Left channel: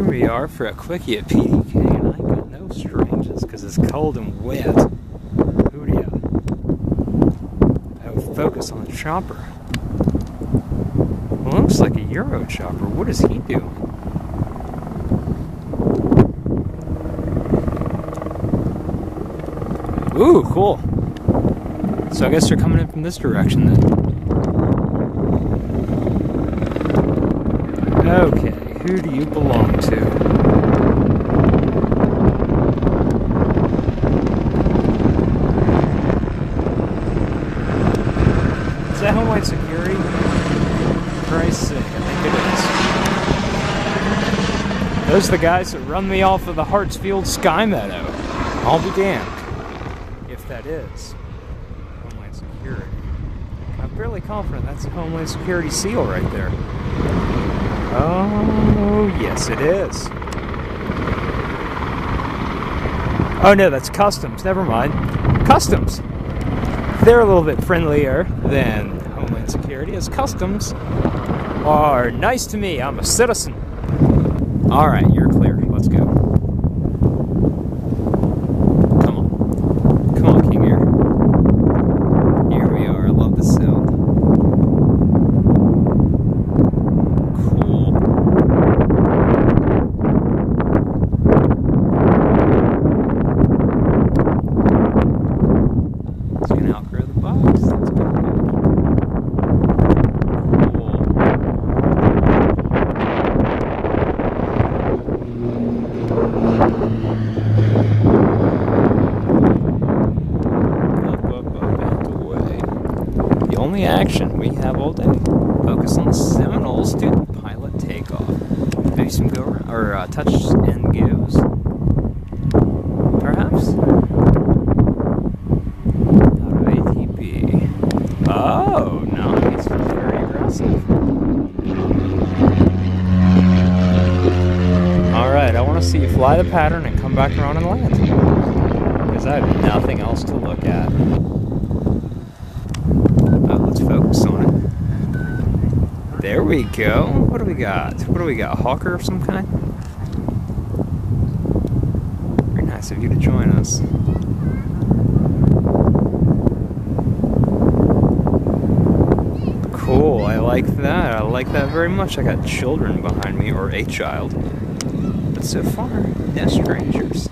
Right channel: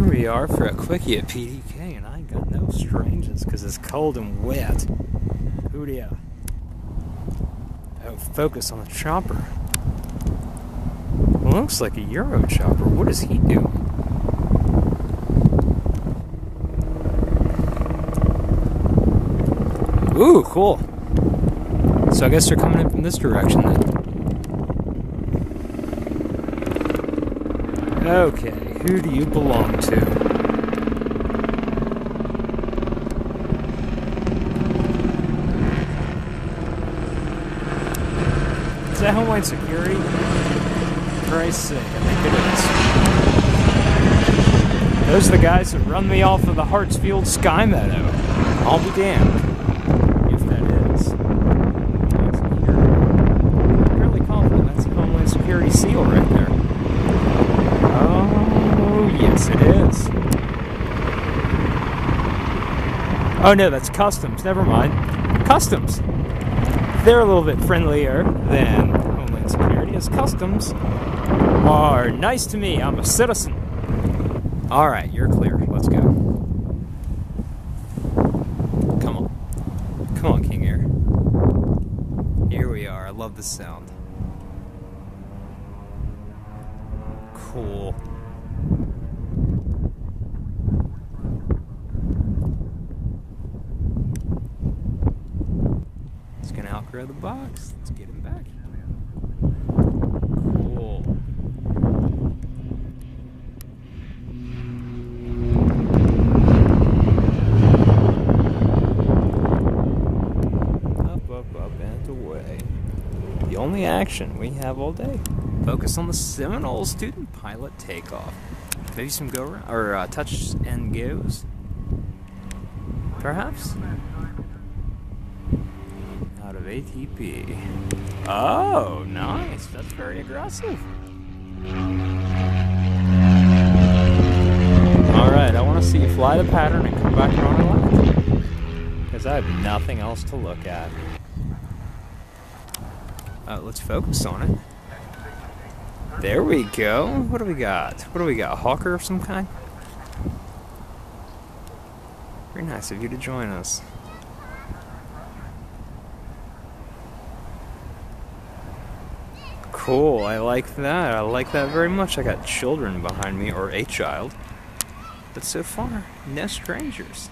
Here we are for a quickie at PDK, and I ain't got no strangers because it's cold and wet. Hoodia. Oh, focus on the chopper. Well, looks like a Euro chopper. What is he doing? Ooh, cool. So I guess they're coming in from this direction then. Okay, who do you belong to? Is that Homeland Security? For Christ's sake, I think it is. Those are the guys that run me off of the Hartsfield Sky Meadow. I'll be damned. If that is. Homeland Security. I'm fairly confident that's a Homeland Security SEAL right there. Oh, yes it is. Oh no, that's Customs. Never mind. Customs. They're a little bit friendlier than Homeland Security, as Customs are nice to me. I'm a citizen. Alright, you're clear. Let's go. Come on. Come on, King Air. Here we are. I love the sound. Cool. It's gonna outgrow the box. Let's get it back. Cool. Up, and away. The only action we have all day. Focus on the Seminoles, student pilot takeoff. Maybe some go around, or touch and goes. Perhaps? Out of ATP. Oh, nice. That's very aggressive. Alright, I want to see you fly the pattern and come back around and land. Because I have nothing else to look at. Let's focus on it. There we go. What do we got? What do we got? A hawker of some kind? Very nice of you to join us. Cool, I like that. I like that very much. I got children behind me, or a child. But so far, no strangers.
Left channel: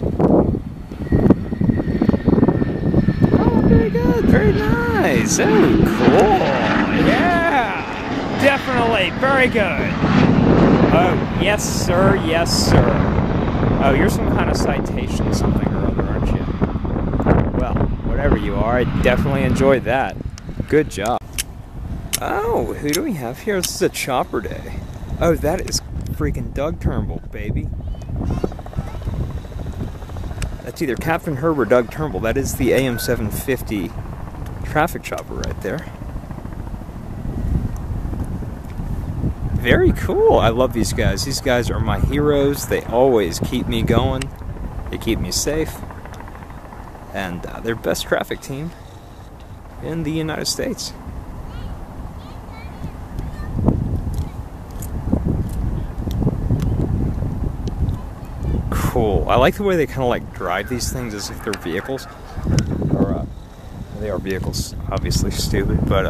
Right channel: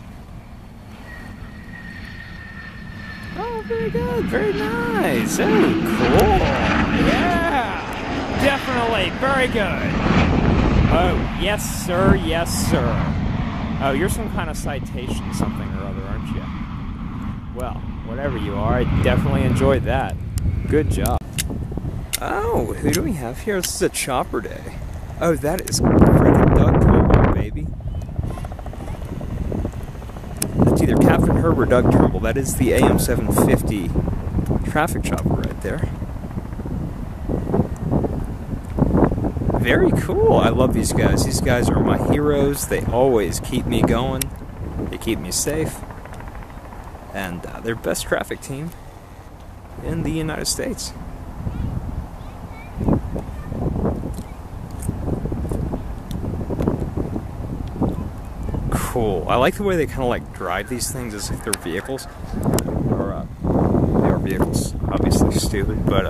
Oh, very good. Very nice. Oh, cool. Yeah. Definitely. Very good. Oh, yes, sir. Yes, sir. Oh, you're some kind of citation something or other, aren't you? Well, whatever you are, I definitely enjoyed that. Good job. Oh, who do we have here? This is a chopper day. Oh, that is freaking Doug Turnbull, baby. That's either Captain Herb or Doug Turnbull. That is the AM 750 traffic chopper right there. Very cool. I love these guys. These guys are my heroes. They always keep me going. They keep me safe. And they're best traffic team in the United States. Cool. I like the way they kind of like drive these things as if they're vehicles. Or, they are vehicles. Obviously stupid, but,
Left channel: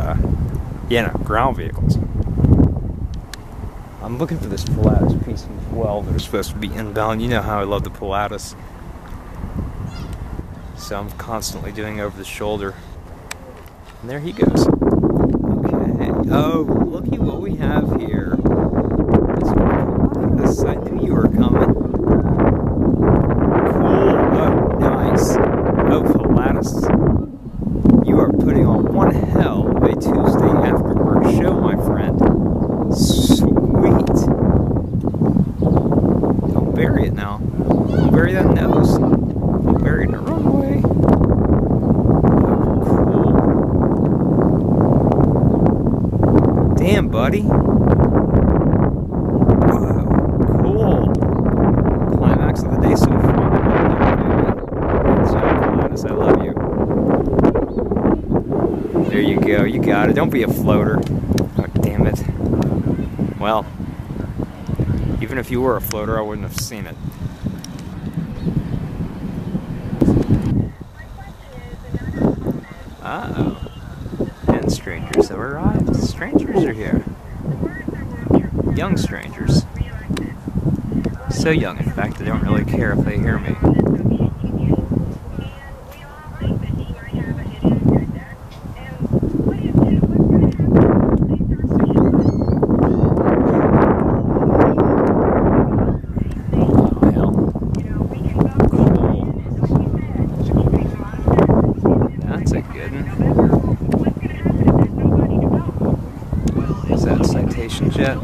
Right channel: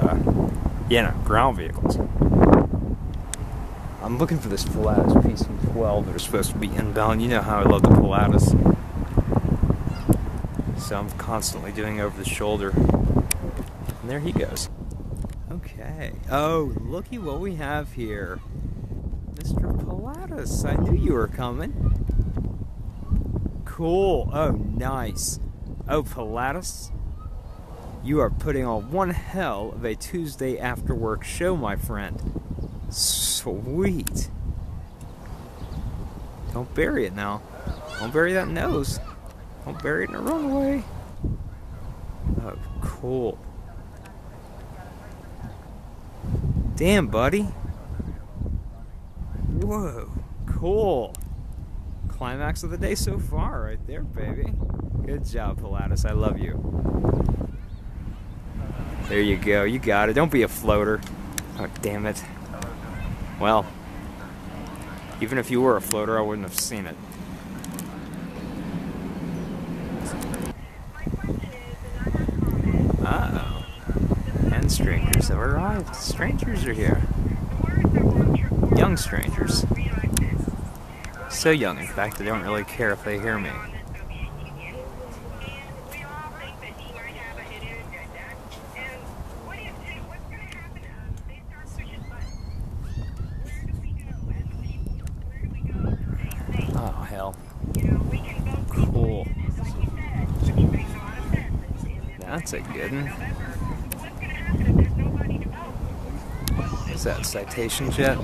yeah, no, ground vehicles. I'm looking for this Pilatus PC-12 that are supposed to be inbound. You know how I love the Pilatus. So I'm constantly doing over the shoulder. And there he goes. Okay. Oh, looky what we have here. Mr. Pilatus, I knew you were coming. Cool. Oh, nice. Oh, Pilatus, you are putting on one hell of a Tuesday after work show, my friend. Sweet. Don't bury it now. Don't bury that nose. Don't bury it in the runway. Oh, cool. Damn, buddy. Whoa, cool. Climax of the day so far. Right there, baby. Good job, Pilatus. I love you. There you go. You got it. Don't be a floater. Oh, damn it. Well, Even if you were a floater, I wouldn't have seen it. Uh-oh. And strangers have arrived. Strangers are here. Young strangers. So young, in fact, they don't really care if they hear me. Oh, hell. Cool. That's a good one. Is that a citation jet?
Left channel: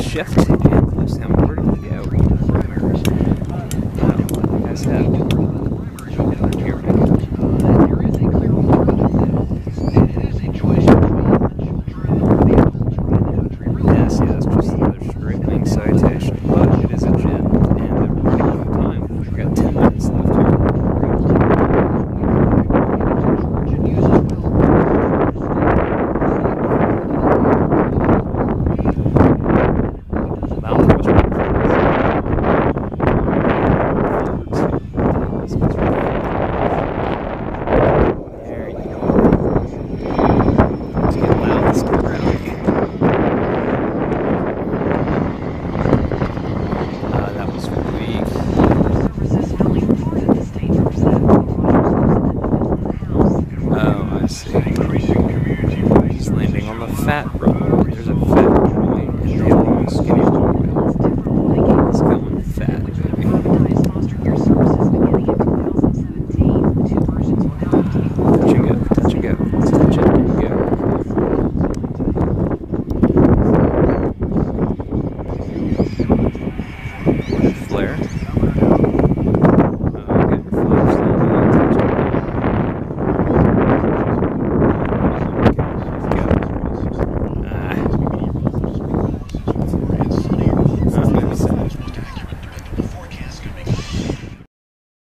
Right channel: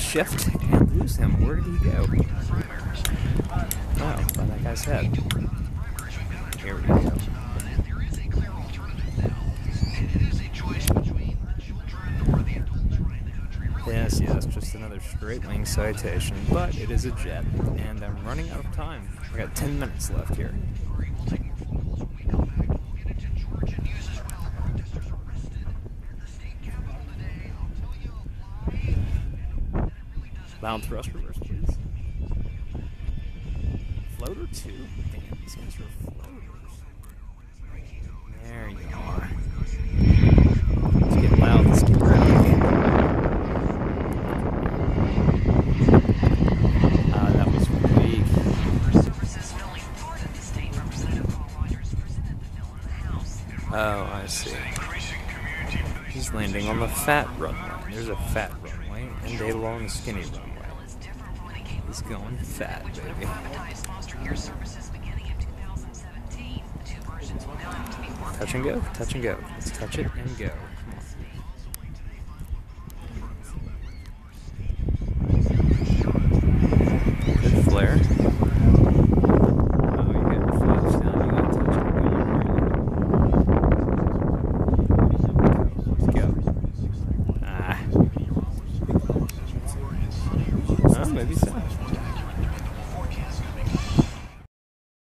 Shift and lose him. Where did he go? Oh, that guy's head. Here we go. Yes, that's just another straight wing citation, but it is a jet, and I'm running out of time. We've got 10 minutes left here. He's landing on the fat runway. There's a fat runway and a long skinny